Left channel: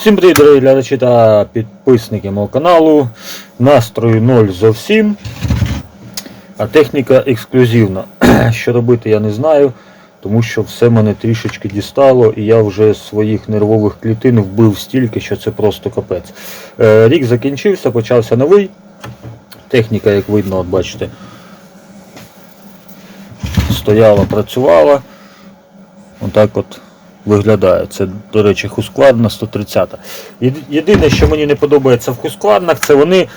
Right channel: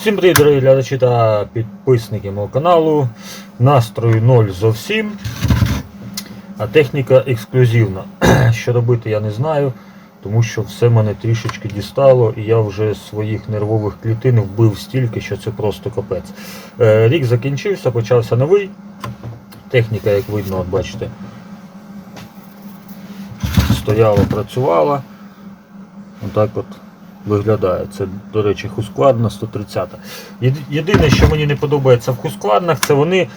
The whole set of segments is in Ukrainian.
Всім привіт, дорогі глядачі та підписники мого каналу. Настрою 0 зовсім. А техніка ексклюзивна. Що робити, я не знаю, тому що все мене трішечки дістало, і я вже своїх нервових клітин вбив стільки, що це просто капець. Е, Рік закінчився, почався новий. Техніка, як видно, от бачите, стояла, працювала. Отак от виглядає. Це, до речі, Хускладна 130. Єди- Єдине, що мені не подобається в Хускладнах, це вони.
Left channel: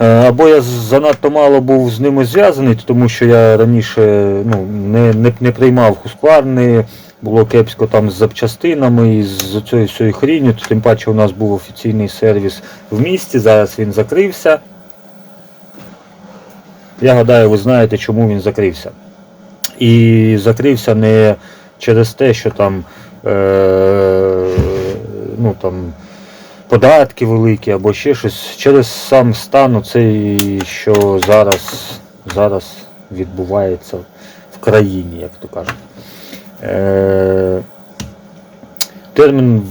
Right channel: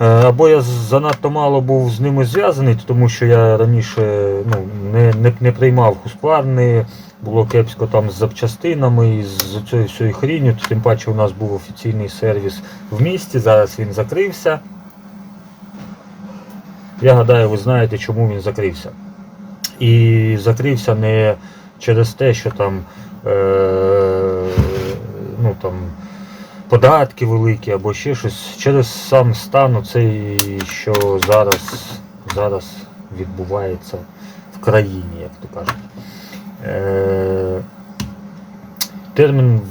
е, Або я занадто мало був з ними зв'язаний, тому що я раніше ну, не, не, не приймав Хускладни, було кепсько там з запчастинами і з цією всією хрінню, тим паче у нас був офіційний сервіс в місті, зараз він закрився. Я гадаю, ви знаєте, чому він закрився. І закрився не через те, що там, е, ну, там податки великі або ще щось, через сам стан оцей, що зараз, зараз відбувається в країні, як то кажуть. Е, термін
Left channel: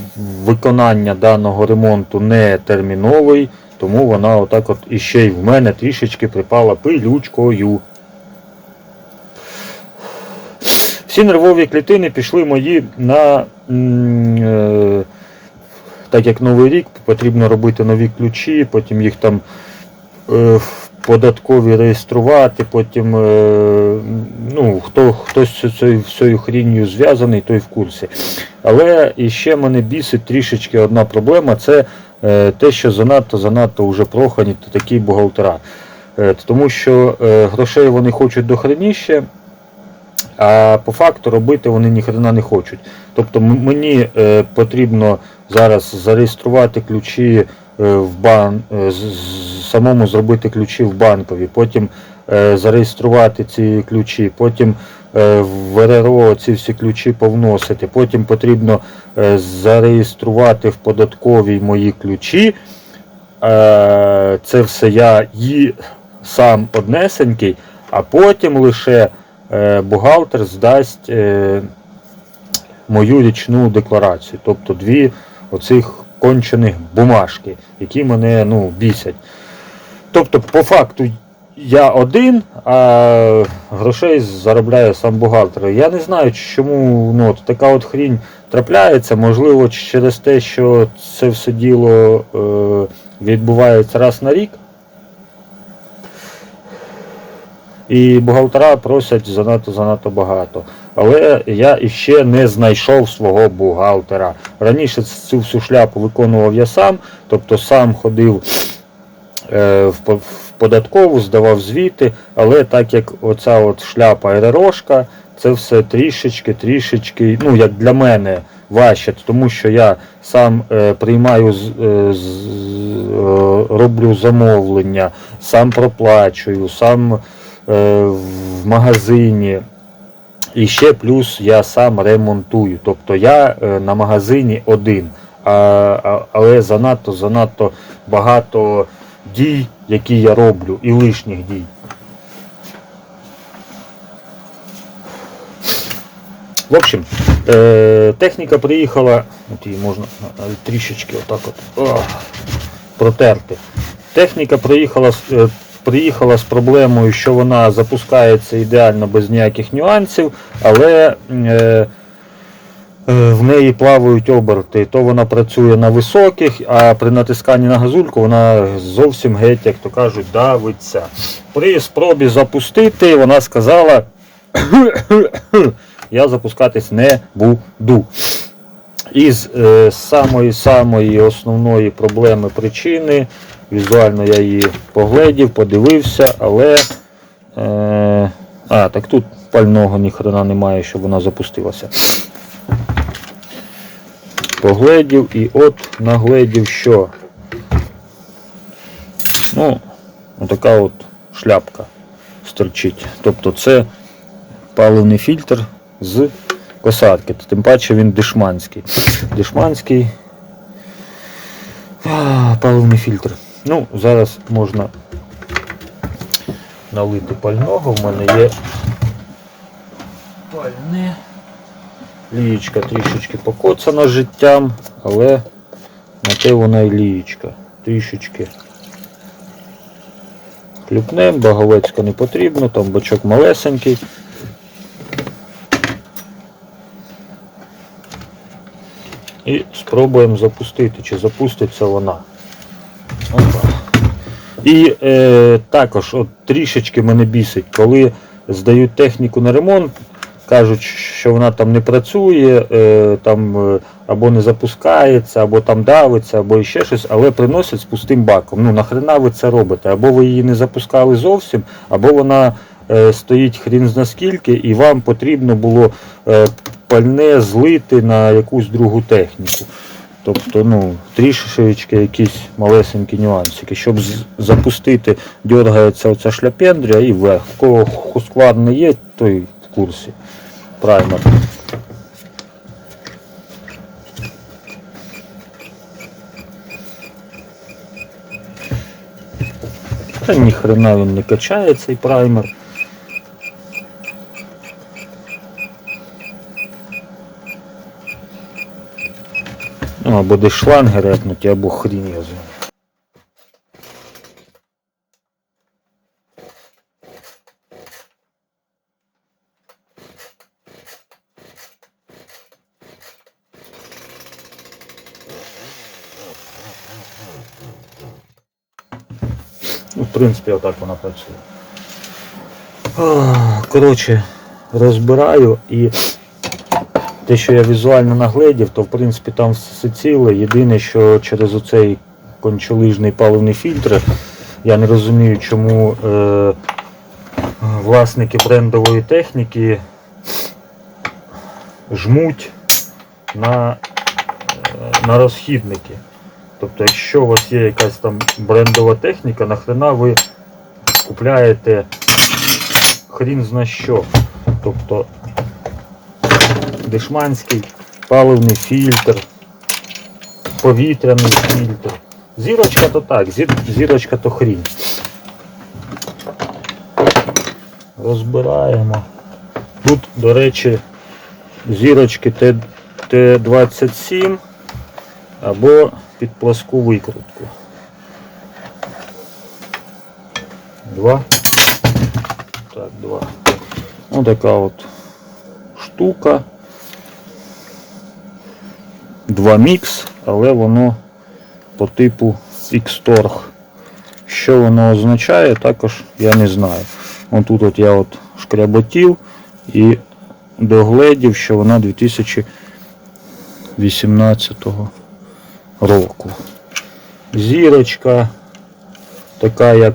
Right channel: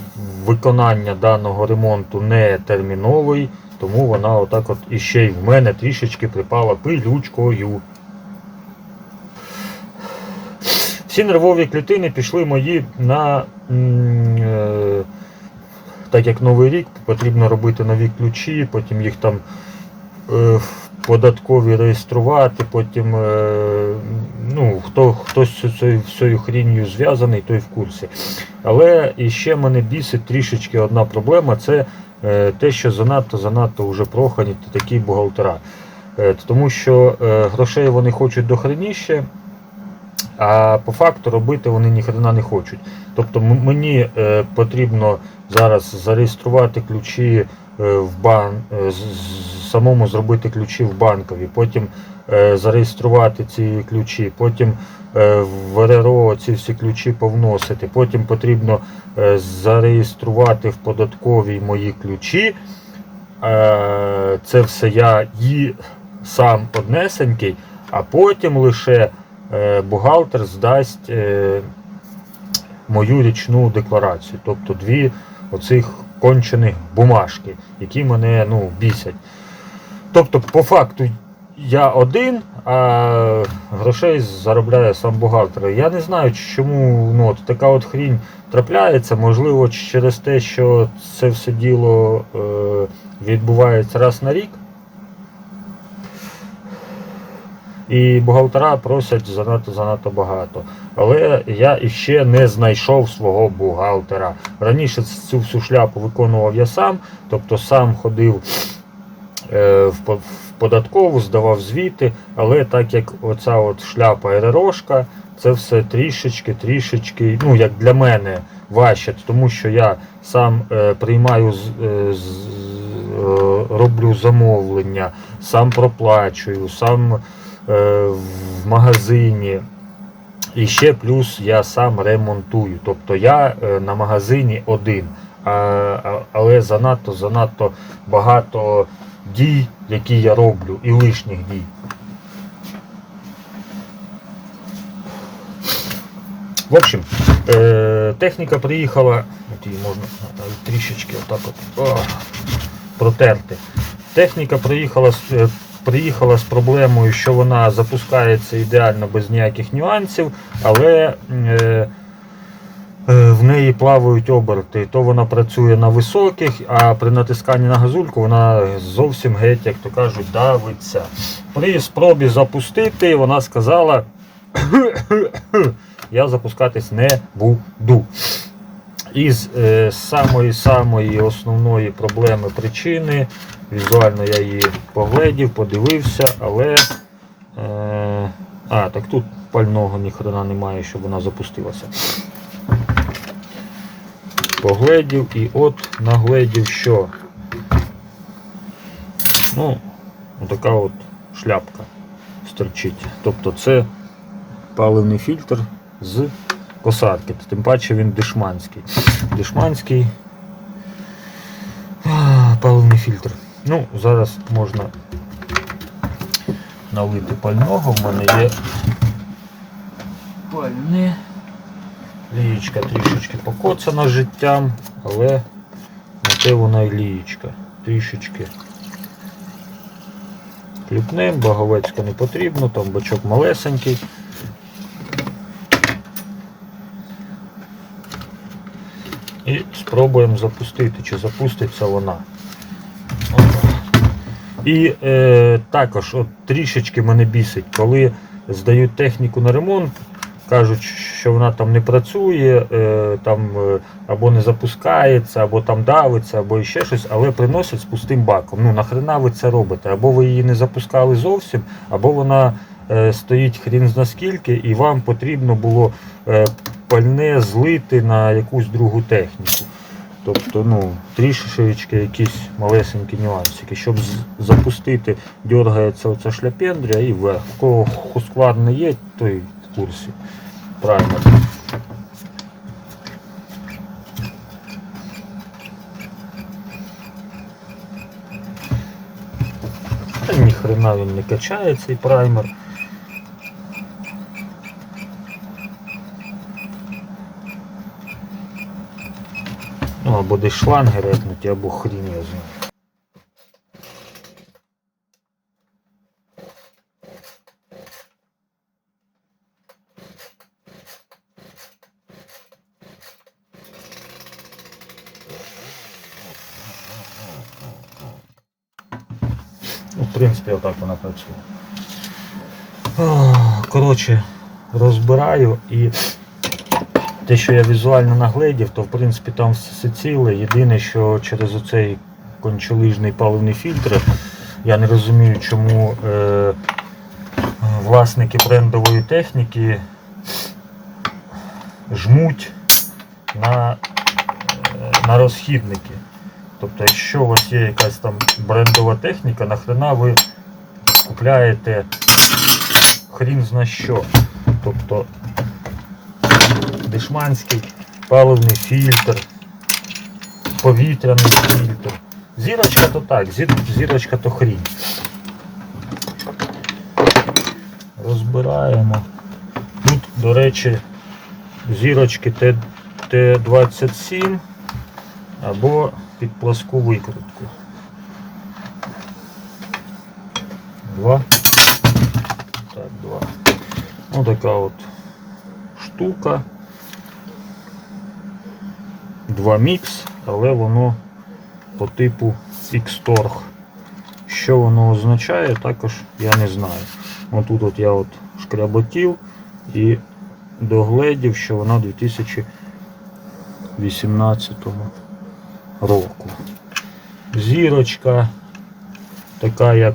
виконання даного ремонту не терміновий, тому вона отак от іще й в мене трішечки припала пилючкою. Всі нервові клітини пішли мої на. е, Так як новий рік, потрібно робити нові ключі, потім їх там е, в податкові реєструвати, потім е, ну, хто, хтось з цією хрінню зв'язаний, той в курсі. Але іще мене бісить трішечки одна проблема це те, що занадто занадто вже прохані такі бухгалтера. Тому що грошей вони хочуть до хреніще, а по факту робити вони ніхрена не хочуть. Тобто мені е, потрібно зараз зареєструвати ключі е, в бан, е, самому зробити ключі в банкові, потім зареєструвати ці ключі, потім в РРО ці всі ключі повносити, потім потрібно зареєструвати в податковій мої ключі. Це все я і сам однесенький, а потім лише бухгалтер здасть е, мою річну декларацію. Тобто дві оцих кончених бумажки, які мене ну, бісять. Тобто, по факту, я один, а грошей заробляє сам бухгалтер. Я не знаю, чому ну, от така от хрінь трапляється. Можливо, через те, що це все діло е, відбувається раз на рік. І бухгалтера просять занадто занадто багато. Але я іще не знайшов свого бухгалтера. Раніше цю всю шляпу виконував я сам, тобто сам ходив е, в податкову, здавав звіти, але так як оця от шляпа РРОшка, це все трішечки, трішечки, ну як для мене важче, тому що я сам е, приймаю, е, з- е, роблю замовлення, сам проплачую, сам в магазині. І ще плюс я сам ремонтую. Тобто я е, на магазині один. Але занадто занадто багато дій, які я роблю, і лишніх дій. В общем, е, техніка приїхала, можна трішечки отак от, протерти. Техніка приїхала, е, приїхала з проблемою, що вона запускається ідеально без ніяких нюансів, але е, е, в неї плавають оберти. То вона працює на високих, а при натисканні на газульку вона зовсім геть, як то кажуть, давиться. При спробі запустити вона сказала, я запускатись не буду. Із е, самої самої основної проблеми причини. Візуально я її погледів, подивився, але. Е, а, так тут пального ніхрена немає, щоб вона запустилася. Погледів і от нагледів, що. Ну, отака от шляпка стерчить. Тобто це паливний фільтр з косарки. Тим паче він дешманський. Дешманський паливний фільтр. Ну, зараз можна налити пального. В мене є пальне. Лієчка трішечки покоцана життям, але На те вона і лієчка. Трішечки. Кліпнем, баговецька не потрібно, там бачок малесенький. І спробуємо запустити, чи запуститься вона. І е, також от, трішечки мене бісить, коли здають техніку на ремонт, кажуть, що вона там не працює, е, там е, або не запускається, або там давиться, або ще щось, але приносять з пустим баком. Ну нахрена ви це робите? Або ви її не запускали зовсім, або вона е, стоїть хрін зна скільки, і вам потрібно було е, пальне злити на якусь другу техніку. Тобто, ну, трішечки якісь малесенькі нюансики. Щоб запустити, дергається оця шляпендря і вверх. У кого хусквад не є, той в курсі. Правильно. Та ніхрена він не качає цей праймер. Ну, або десь шланги репнуті, або хрінь я знаю. Ну, в принципі, отак вона працює. Коротше, розбираю і те, що я візуально нагледів, то в принципі там все ціле. Єдине, що через оцей кончелижний паливний фільтр я не розумію, чому е, власники брендової техніки жмуть на, е, на розхідники. Тобто, якщо у вас є якась там брендова техніка, нахрена ви купляєте хрін зна що. Тобто дешманський паливний фільтр, повітряний фільтр. Зірочка то так, зір- зірочка то хрінь. Розбираємо. Тут, до речі, зірочки Т- Т27 або під пласку викрутку. Два. Так, два. Ну така от штука. Два мікс, але воно по типу X-Torg. Що воно означає, також я не знаю. Вон тут от я от шкряботів і догледів, що вона 2018 року. Зірочка така як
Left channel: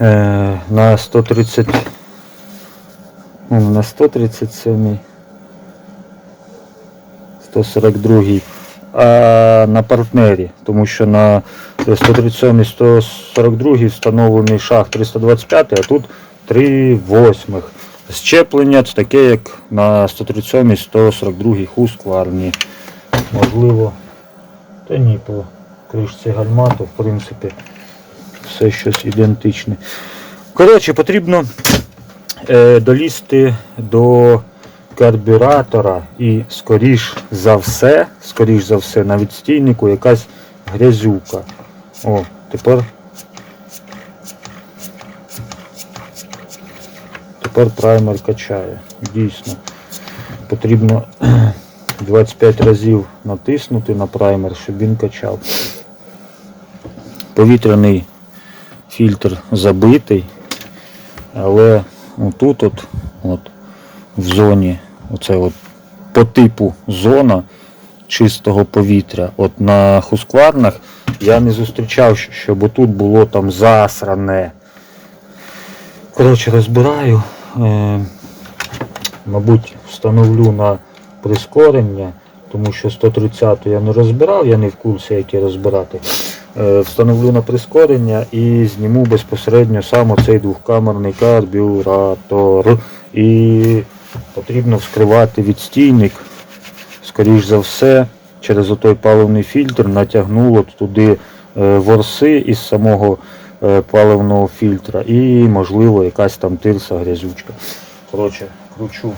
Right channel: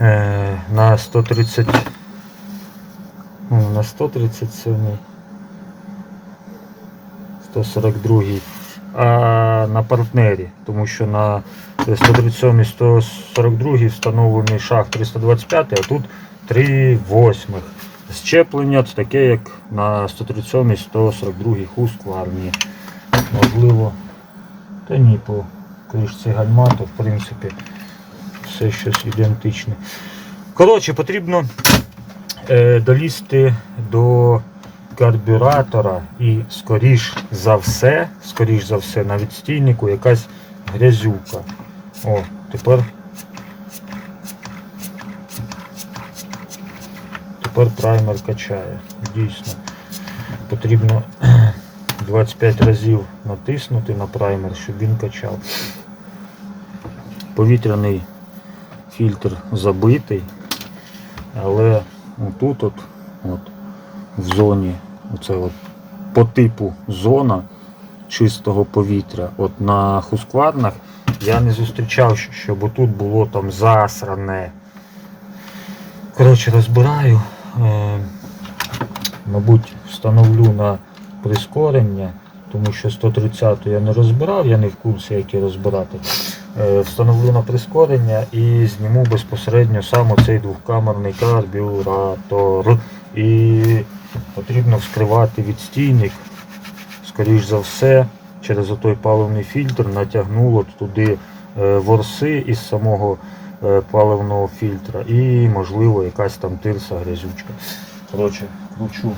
е, на 130 ну, на 137 142 а на партнері, тому що на 137 142 встановлений шаг 325, а тут 3 восьмих. Щеплення це таке, як на 137 142 хускварні. Можливо, та ні, по кришці гальмату, в принципі, все щось ідентичне. Коротше, потрібно е, долізти до карбюратора і скоріш за все, скоріш за все, на відстійнику якась грязюка. О, тепер. Тепер праймер качає. Дійсно. Потрібно 25 разів натиснути на праймер, щоб він качав. Повітряний фільтр забитий, але тут от, от в зоні, оце от по типу зона чистого повітря. От на хускварнах я не зустрічав, щоб отут було там засране. Коротше, розбираю. Е, мабуть, встановлю на прискорення, тому що 130 я не розбирав, я не в курсі, як її розбирати. Е, встановлю на прискорення і зніму безпосередньо сам оцей двохкамерний карбюратор. І потрібно вскривати відстійник. Скоріш за все, через отой паливний фільтр натягнуло туди е, ворси із самого е, паливного фільтра і, можливо, якась там тирса, грязючка. Коротше, кручу.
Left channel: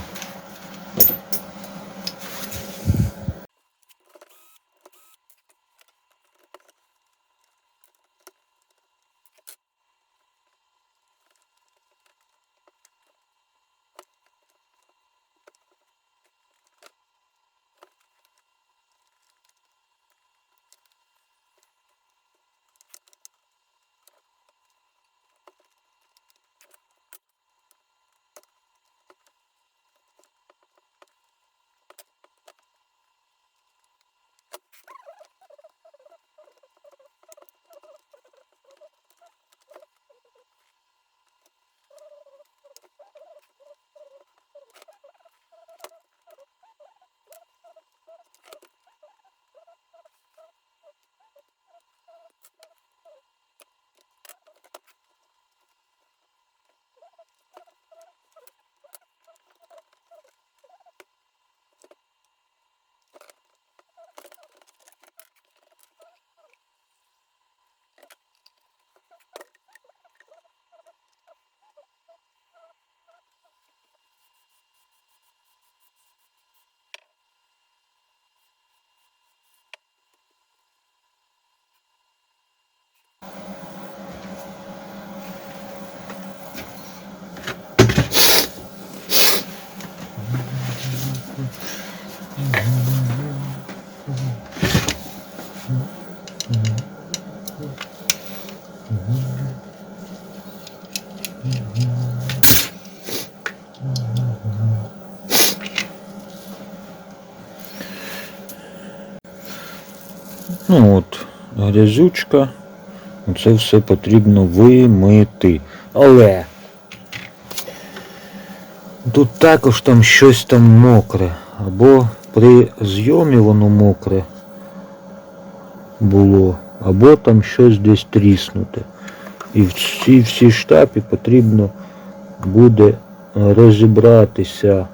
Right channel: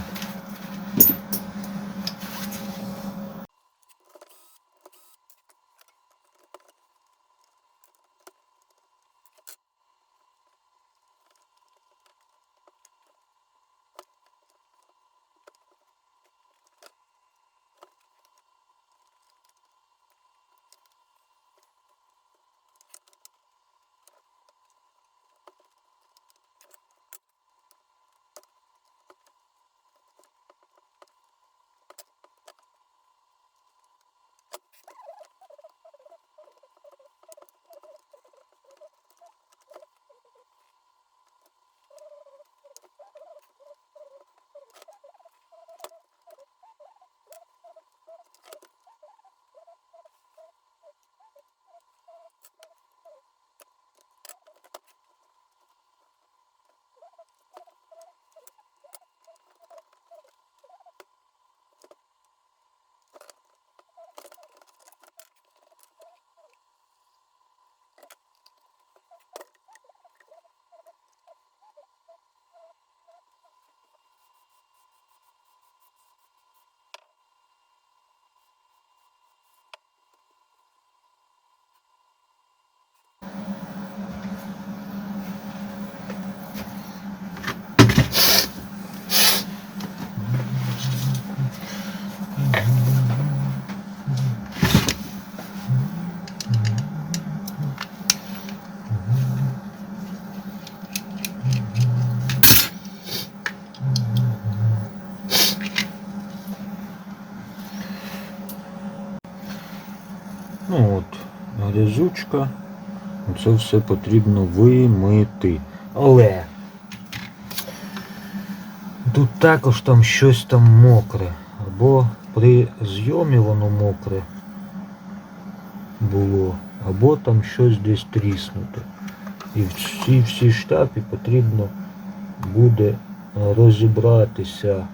Ну от, грязючка. Це все потрібно вимити. Але тут також там щось там мокре. Або при зйомі воно мокре було, або там щось десь тріснуте. І в цій всій штапі потрібно буде розібратися.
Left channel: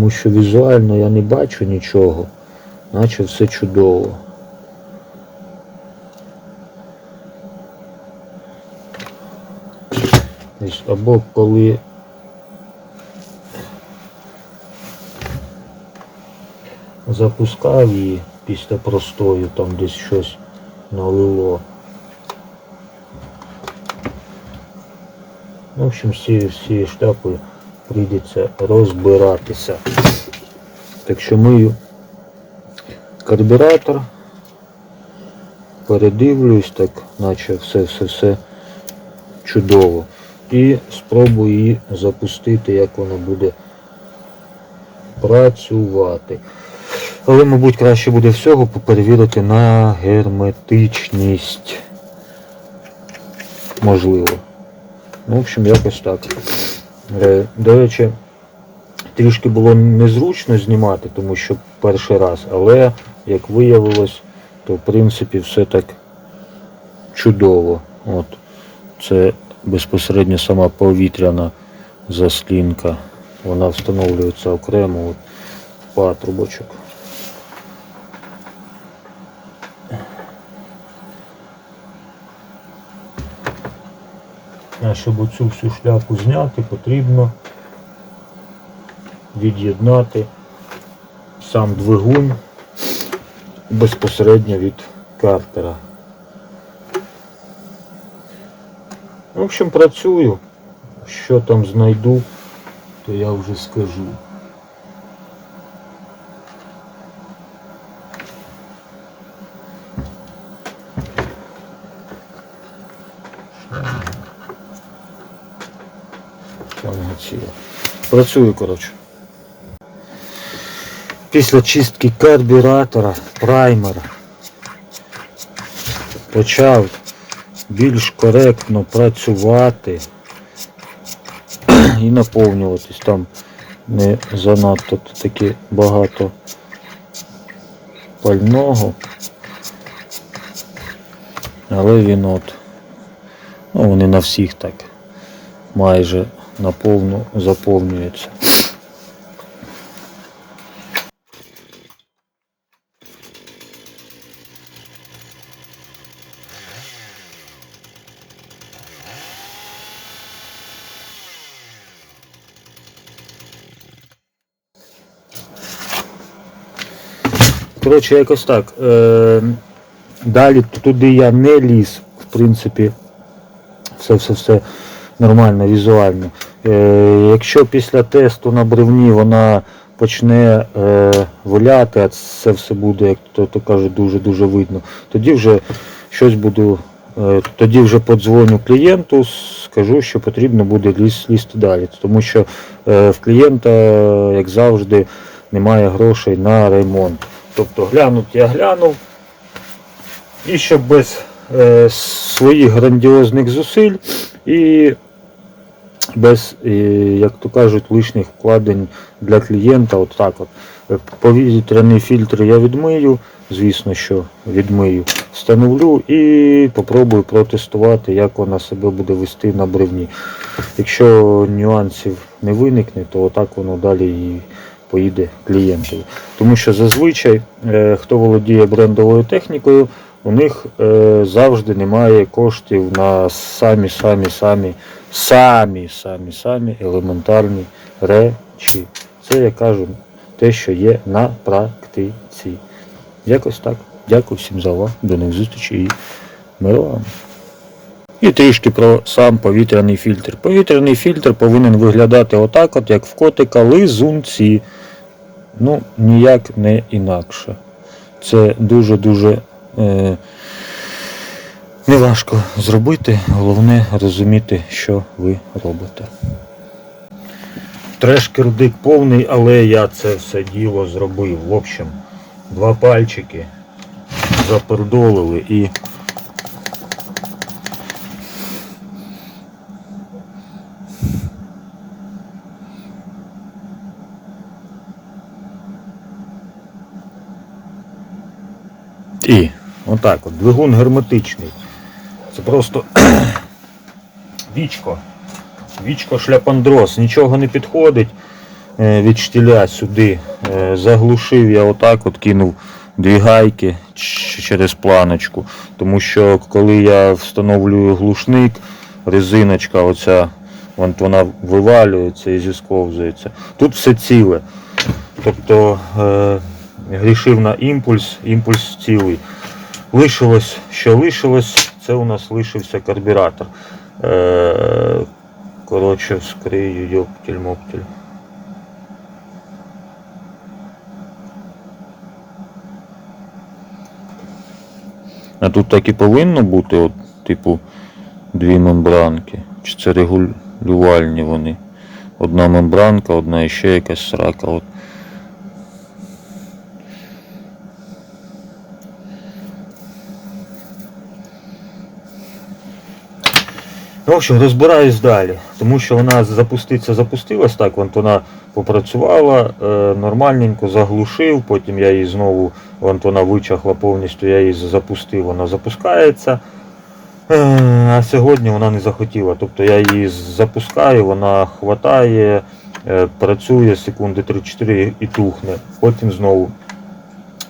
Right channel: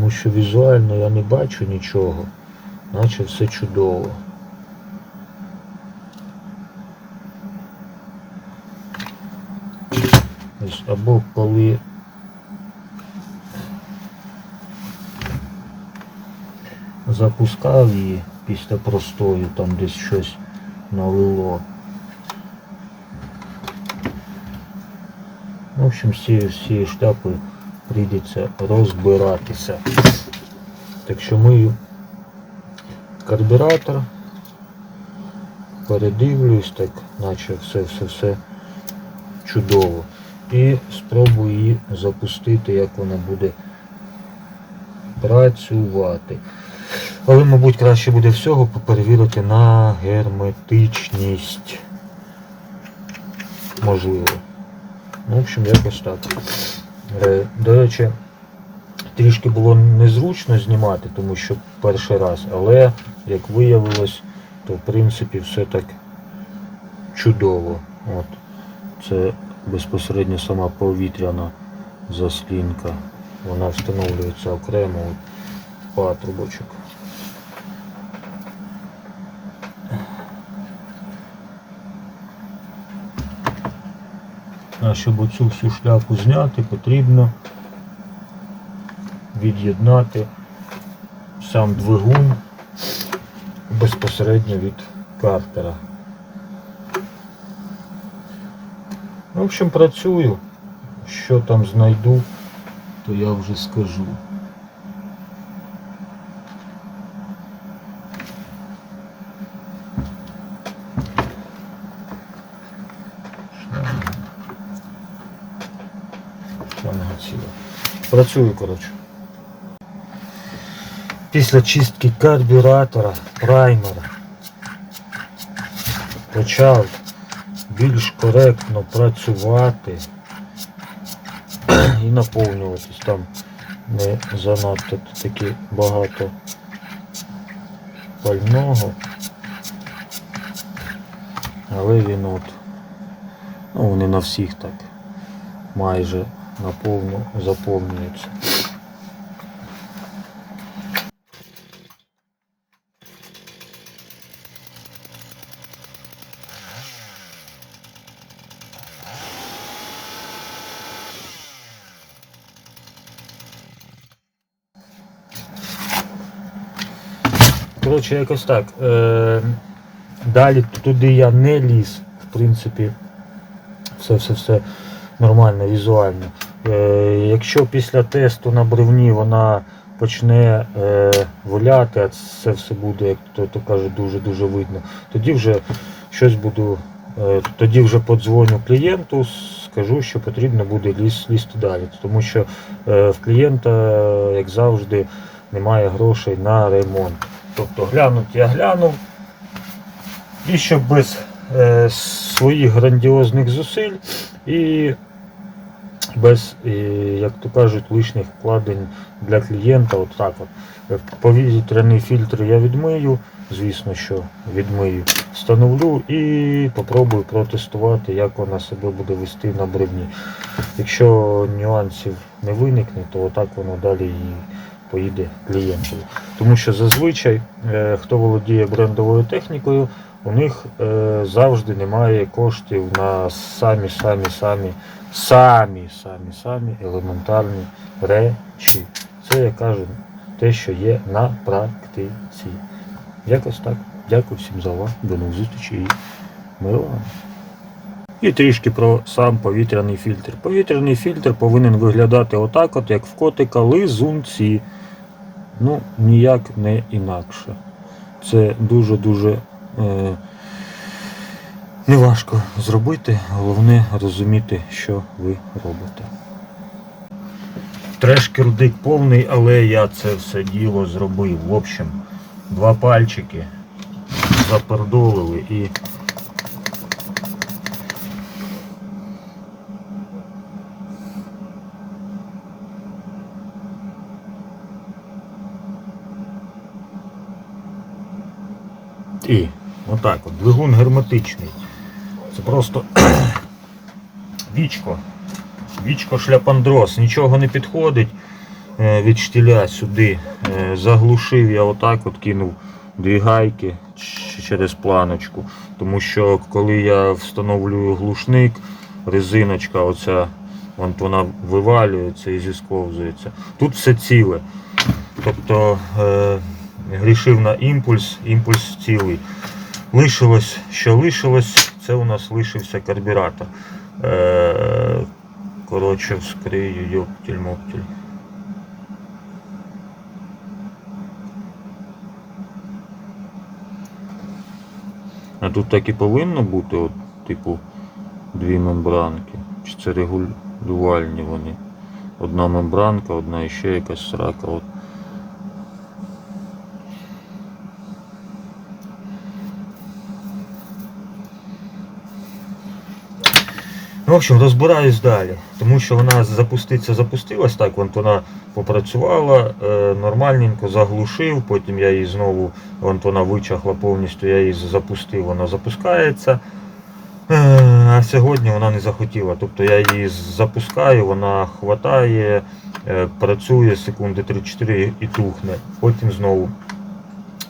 Тому що візуально я не бачу нічого, наче все чудово. Або коли запускав її після простою, там десь щось налило. В общем, цією всією штапою прийдеться розбиратися. Так що мию карбюратор, передивлюсь, так наче все-все-все чудово. І спробую її запустити, як вона буде працювати. Але, мабуть, краще буде всього перевірити на герметичність. Можливо. Ну, в общем, якось так. Е, До речі, трішки було незручно знімати, тому що перший раз, але як виявилось, то в принципі все так чудово. От. Це безпосередньо сама повітряна заслінка. Вона встановлюється окремо в патрубочок. Щоб оцю всю шляпу зняти, потрібно від'єднати сам двигун безпосередньо від картера. В общем, працюю. Що там знайду, то я вже скажу. Шланга ціла. Працюю, коротше. Після чистки карбюратора, праймера почав більш коректно працювати і наповнюватись там не занадто таки багато пального. Але він от, ну вони на всіх так майже наповну заповнюються. Коротше, якось так. Е, далі туди я не ліз, в принципі, це все все нормально, візуально. Е, якщо після тесту на бревні вона почне е, виляти, а це все буде, як то, то каже, дуже-дуже видно, тоді вже щось буду, е, тоді вже подзвоню клієнту, скажу, що потрібно буде ліз, лізти далі. Тому що в клієнта, як завжди, немає грошей на ремонт. Тобто глянуть я глянув. І щоб без е, своїх грандіозних зусиль і без, е, як то кажуть, лишніх вкладень для клієнта. От так от. Е, Повітряний фільтр я відмию, звісно, що відмию, встановлю і попробую протестувати, як вона себе буде вести на бревні. Якщо нюансів не виникне, то отак воно далі і поїде клієнтові. Тому що зазвичай, е, хто володіє брендовою технікою, у них е, завжди немає коштів на самі самі самі самі самі самі елементарні речі. Це я кажу те, що є на практиці. Якось так. Дякую всім за увагу. До нових зустрічей і миру вам. І трішки про сам повітряний фільтр. Повітряний фільтр повинен виглядати отак, от як в котика лизунці. Ну, ніяк не інакше. Це дуже-дуже неважко зробити, головне розуміти, що ви робите. Треш-кирдик повний, але я це все діло зробив. В общем, два пальчики запердолили І отак от, двигун герметичний. Це просто вічко. Вічко шляпандроз, нічого не підходить е, від штіля сюди. Е, Заглушив я отак от кинув дві гайки через планочку. Тому що коли я встановлюю глушник, резиночка оця, вон вона вивалюється і зісковзується. Тут все ціле. Тобто е, грішив на імпульс, імпульс цілий. Лишилось, що лишилось, це у нас лишився карбюратор. Е, коротше, вскрию йоптіль-моптіль. А тут так і повинно бути, от, типу, дві мембранки. Чи це регулювальні вони? Одна мембранка, одна ще якась срака. От. В общем, розбираюсь далі, тому що вона запуститься, запустилась так, от вона попрацювала е, нормальненько, заглушив, потім я її знову, от вона вичахла повністю, я її запустив, вона запускається. Е, а сьогодні вона не захотіла. Тобто я її запускаю, вона хватає, е, працює секунди 3-4 і тухне. Потім знову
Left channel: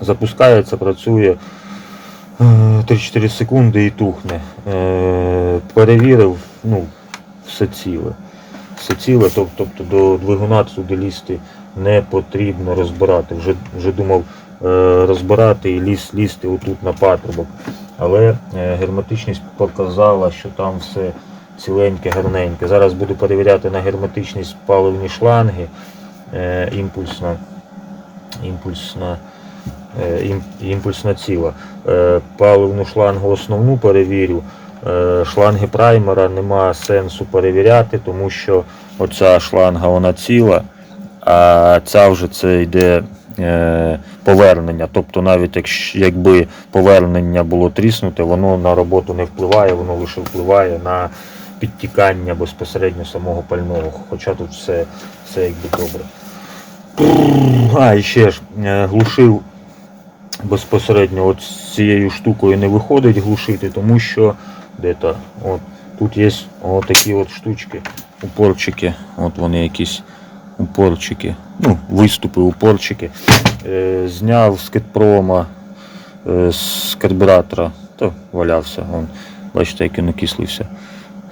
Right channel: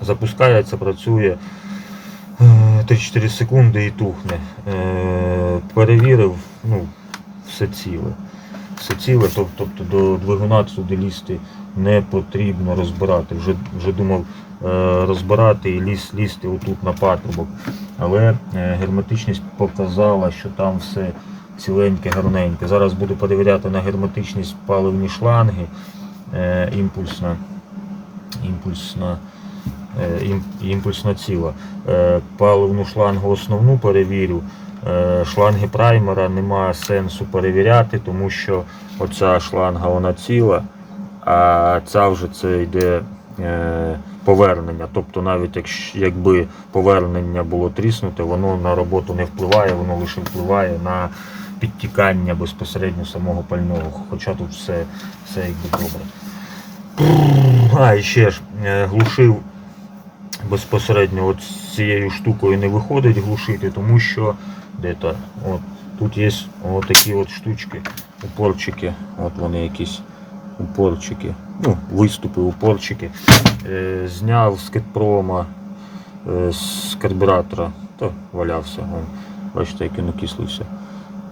запускається, працює. Е, 3-4 секунди і тухне. Е, Перевірив, ну, все ціле. Все ціле, тоб- тобто до двигуна сюди лізти не потрібно розбирати. Вже, вже думав е, розбирати і ліз, лізти отут на патрубок. Але е, герметичність показала, що там все ціленьке, гарненьке. Зараз буду перевіряти на герметичність паливні шланги, е, імпульсна, імпульсна, імпульсна ціла. Паливну шлангу основну перевірю. Е, Шланги праймера нема сенсу перевіряти, тому що оця шланга вона ціла, а ця вже це йде е, повернення. Тобто навіть якби повернення було тріснуте, воно на роботу не впливає, воно лише впливає на підтікання безпосередньо самого пального. Хоча тут все, все якби добре. А, і ще ж е, глушив безпосередньо от цією штукою не виходить глушити, тому що де-то, от, тут є такі от штучки, упорчики, от вони якісь упорчики, ну, виступи, упорчики. Е, зняв з кетпрома, е, з карбюратора, то валявся, вон, бачите, як він окислився,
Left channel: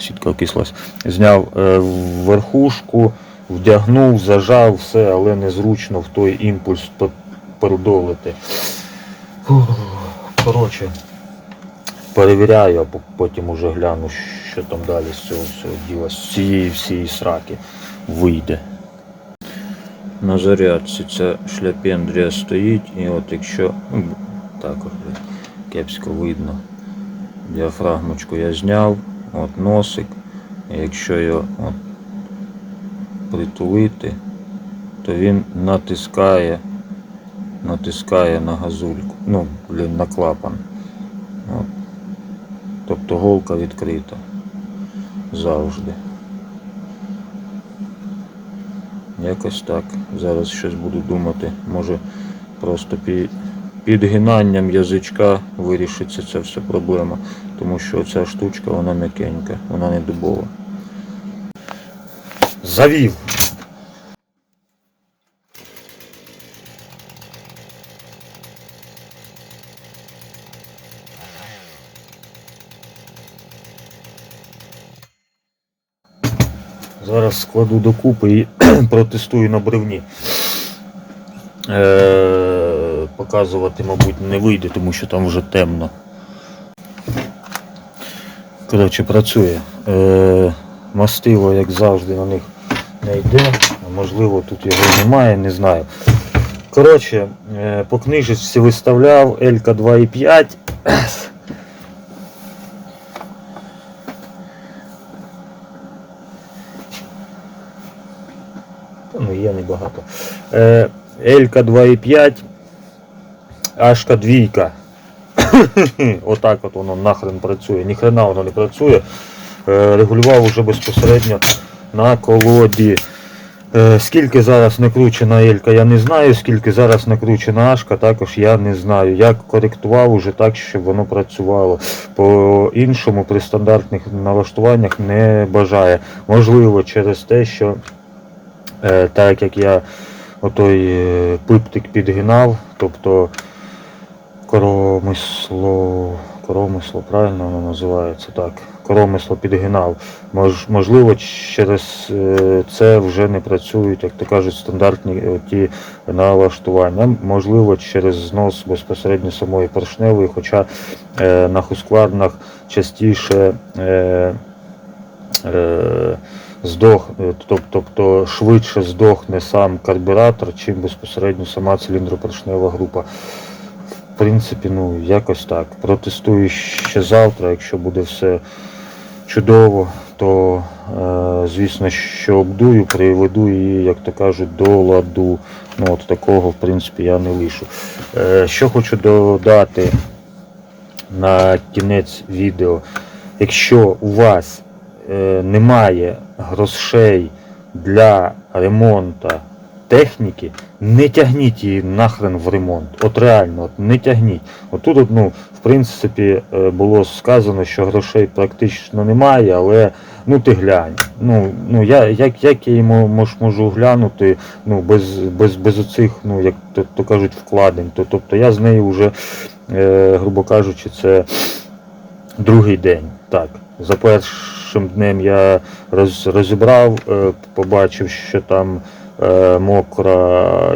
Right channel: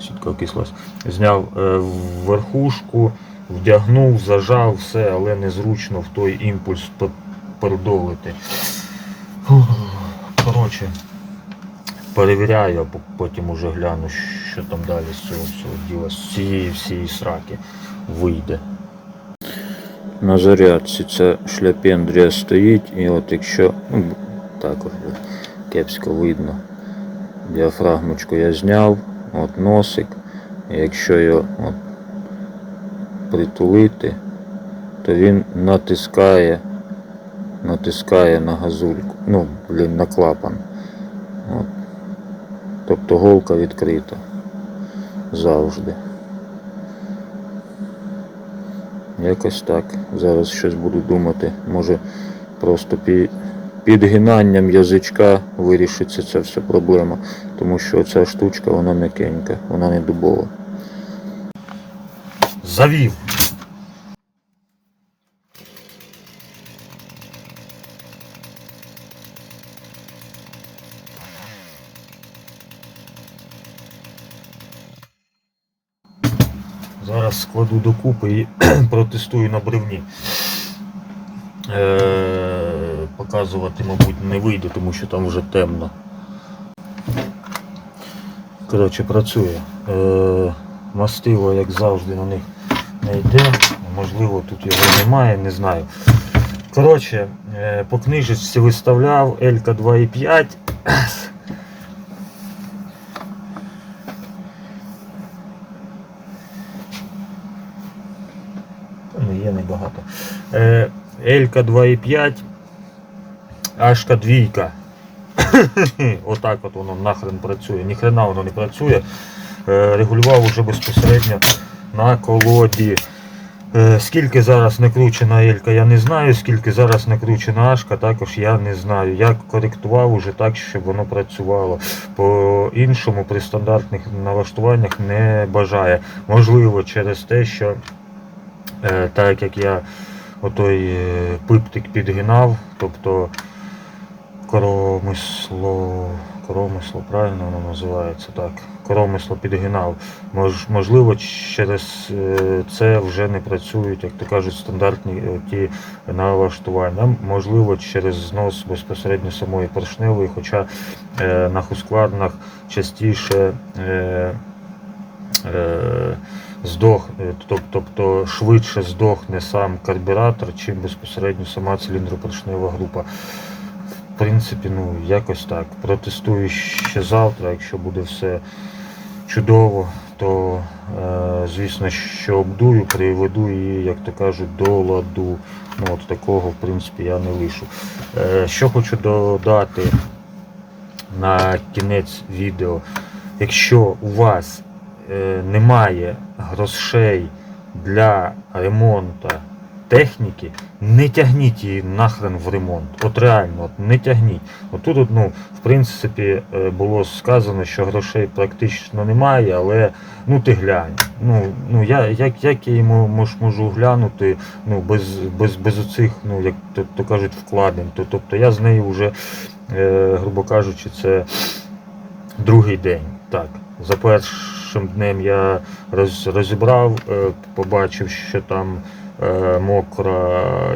сітка окислась. Зняв е, верхушку, вдягнув, зажав все, але незручно в той імпульс пе- передолити. Коротше, перевіряю, а потім уже гляну, що там далі з цього всього діла, з цієї всієї сраки вийде. На зарядці ця шляпендрія стоїть, і от якщо, ну, також кепсько видно, діафрагмочку я зняв, от носик, і якщо його от, притулити, то він натискає натискає на газульку, ну, блін, на клапан. От. Тобто голка відкрита. Завжди. Якось так. Зараз щось буду думати. Може просто пі... підгинанням язичка вирішиться ця вся проблема. Тому що ця штучка вона м'якенька, вона не дубова. Завів. Складу докупи і протестую на бревні. Е, показувати, мабуть, не вийде, тому що там вже темно. Коротше, працює. Е, мастило, як завжди, на них не йде. Можливо, тут його немає, не знаю. Коротше, е, по книжечці виставляв Елька 2,5. Ну, є небагато. Е, Елька 2,5, Ашка 2. Отак от воно нахрен працює. Ніхрена воно не працює. Е, регулював уже безпосередньо на колоді. Е, Скільки зараз накручена Елька, я не знаю, скільки зараз накручена Ашка, також я не знаю. Я коректував уже так, щоб воно працювало. По іншому при стандартних налаштуваннях не бажає. Можливо, через те, що е, так як я отой е, пиптик підгинав, тобто коромисло, коромисло, правильно воно називається так. Коромисло підгинав. Мож, можливо, через е, це вже не працюють, як то кажуть, стандартні е, ті налаштування. Можливо, через знос безпосередньо самої поршневої, хоча е, на хускварнах частіше е, е, здох, е, тобто швидше здохне сам карбюратор, чим безпосередньо сама циліндропоршнева група. В принципі, ну якось так. Протестую ще завтра, якщо буде все чудово, то е, звісно, що обдую, приведу її, як то кажуть, до ладу. Ну от такого, в принципі, я не лишу. Е, що хочу додати на кінець відео. Якщо у вас немає грошей для ремонту техніки, не тягніть її нахрен в ремонт. От реально, от не тягніть. Отут, от, ну, в принципі, е, було сказано, що грошей практично немає, але ну ти глянь. Ну, ну я, як, як я йому мож, можу глянути ну, без, без, без оцих, ну, як то, то кажуть, вкладень. То, тобто я з нею вже, е, грубо кажучи, це другий день. Так, за першим днем я роз, розібрав, е, побачив, що там е, мокра,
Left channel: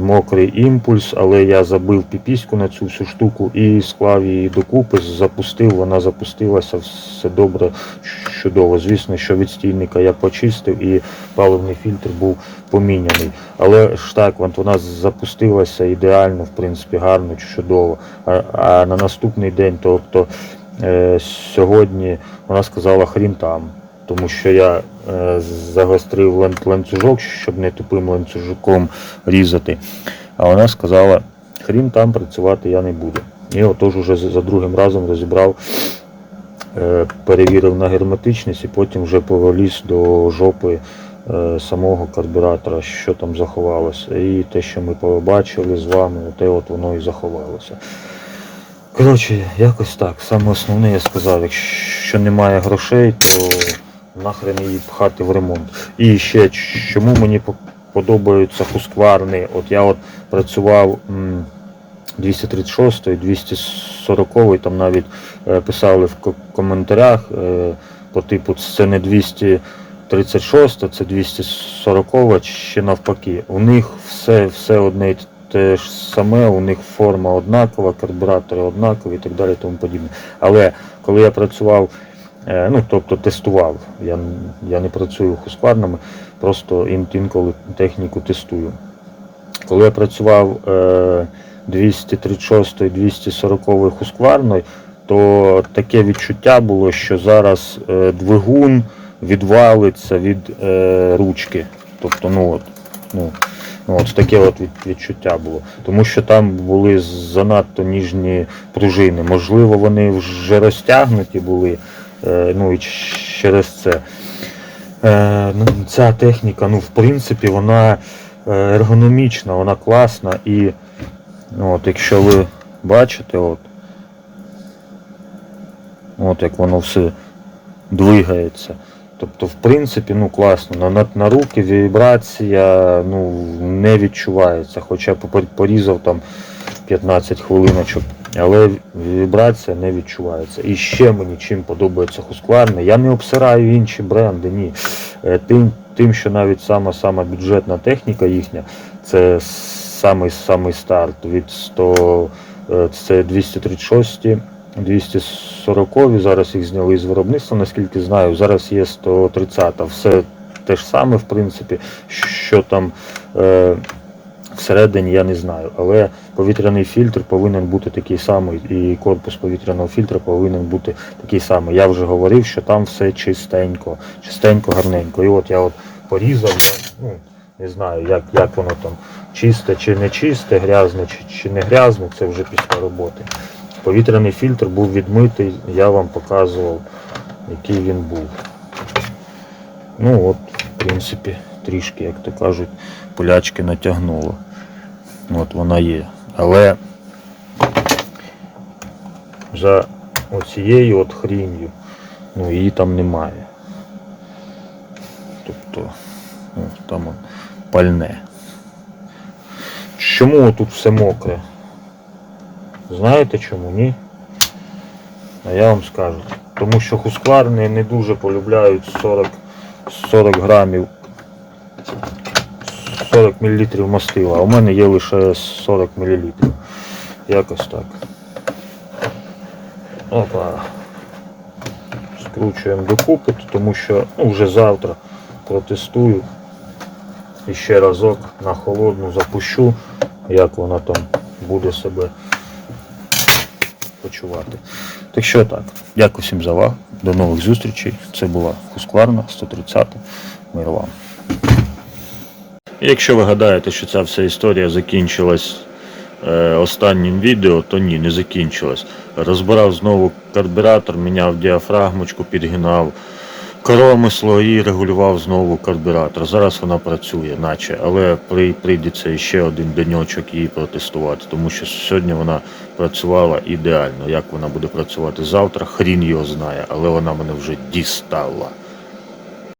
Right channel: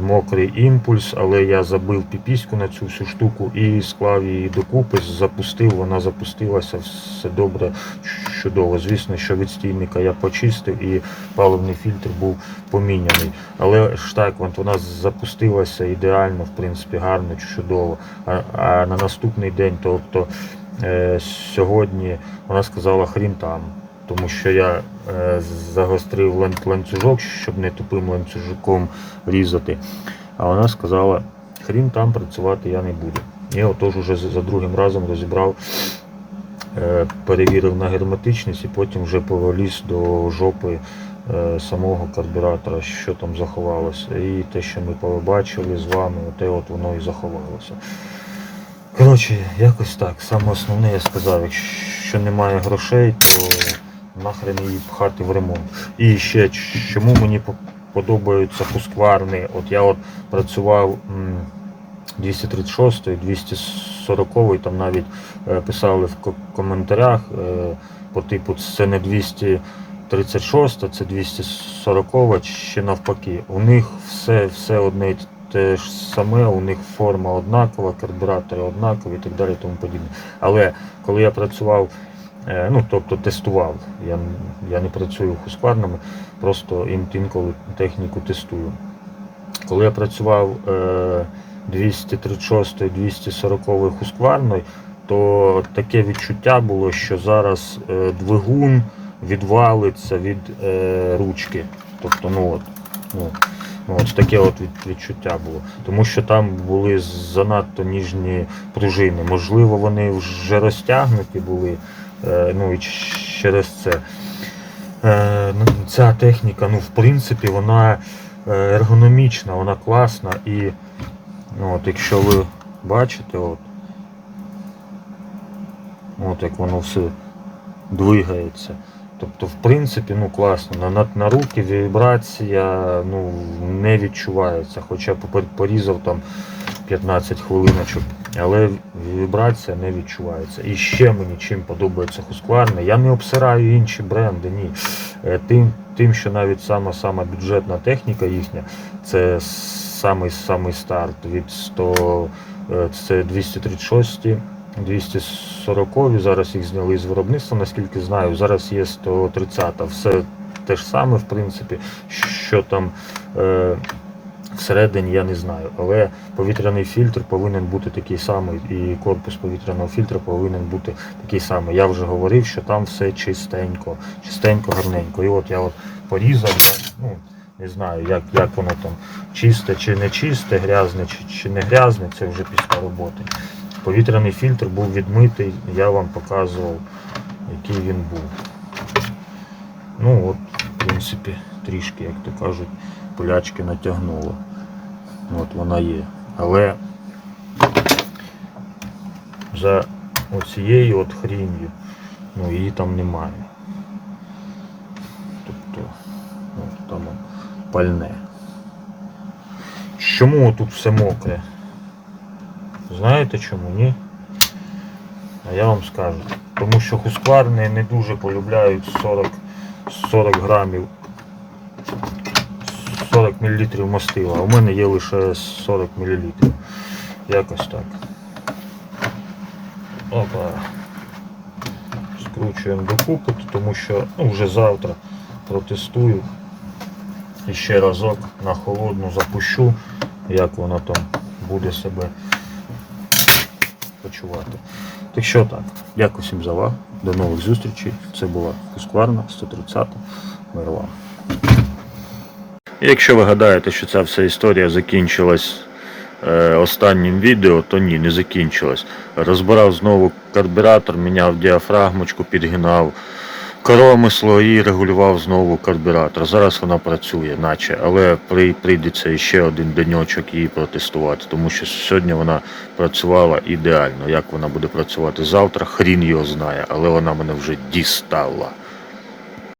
мокрий імпульс, але я забив піпіську на цю всю штуку і склав її докупи, запустив, вона запустилася, все добре, чудово. Звісно, що від стільника я почистив і паливний фільтр був поміняний. Але ж так, вона запустилася ідеально, в принципі, гарно, чудово. А, а на наступний день, тобто сьогодні, вона сказала хрін там. Тому що я е, загострив ланцюжок, щоб не тупим ланцюжком різати. А вона сказала, хрін там працювати я не буду. І отож уже за другим разом розібрав, е, перевірив на герметичність і потім вже повеліз до жопи е, самого карбюратора, що там заховалося. І те, що ми побачили з вами, оте от воно і заховалося. Коротше, якось так. Саме основне я сказав, якщо немає грошей, то нахрен її пхати в ремонт. І ще чому мені по- подобаються хускварни. От я от працював м, 236, 240, там навіть е, писали в коментарях е, по типу це не 236, це 240 чи навпаки. У них все, все одне те ж саме, у них форма однакова, карбюратори однакові і так далі, тому подібне. Але коли я працював, е, ну тобто тестував, я, я не працюю хускварнами, просто ін- інколи техніку тестую. Коли я працював е, 236 240 хускварною, то таке відчуття було, що зараз е, двигун відвалиться від е, ручки. Тобто, ну от, ну, ну, от таке от відчуття було. Тому що там були занадто ніжні пружини. Можливо, вони вже розтягнуті були. Е, ну і через це. Е, ну, ця техніка, ну, в принципі, вона е, ергономічна, вона класна і ну, от, якщо ви бачите, от, от як воно все двигається. Тобто, в принципі, ну класно. На, на, руки вібрація ну, не відчувається. Хоча порізав там 15 хвилиночок, але вібрація не відчувається. І ще мені чим подобається Husqvarna, я не обсираю інші бренди, ні. Е, Тим, тим що навіть сама сама бюджетна техніка їхня, це самий самий старт від 100, е, це 236, 240, зараз їх зняли з виробництва, наскільки знаю, зараз є 130, все те ж саме, в принципі, що там. Е, Всередині я не знаю, але повітряний фільтр повинен бути такий самий, і корпус повітряного фільтра повинен бути такий самий. Я вже говорив, що там все чистенько, чистенько, гарненько. І от я от порізав, ну, Не знаю, як, як воно там чисте чи не чисте, грязне чи, чи не грязне, це вже після роботи. Повітряний фільтр був відмитий, я вам показував, який він був. Ну от, в принципі, трішки, як то кажуть, полячки натягнуло. От вона є. Але за оцією от хрінью, ну її там немає. Тобто, ну, там пальне. Чому тут все мокре? Знаєте чому? Ні? А я вам скажу. Тому що хускварни не дуже полюбляють 40, 40 грамів 40 мл мастила, а у мене є лише 40 мл. Якось так. Опа. Скручуємо докупи, тому що ну, вже завтра протестую. І ще разок на холодну запущу, як вона там буде себе почувати. Так що так, дякую всім за увагу. До нових зустрічей. Це була Хускварна 130. Мир вам. Якщо ви гадаєте, що ця вся історія закінчилась е, останнім відео, то ні, не закінчилась. Розбирав знову карбюратор, міняв діафрагмочку, підгинав коромисло і регулював знову карбюратор. Зараз вона працює, наче, але при- прийдеться ще один деньочок її протестувати, тому що сьогодні вона працювала ідеально. Як вона буде працювати завтра, хрін його знає, але вона мене вже дістала.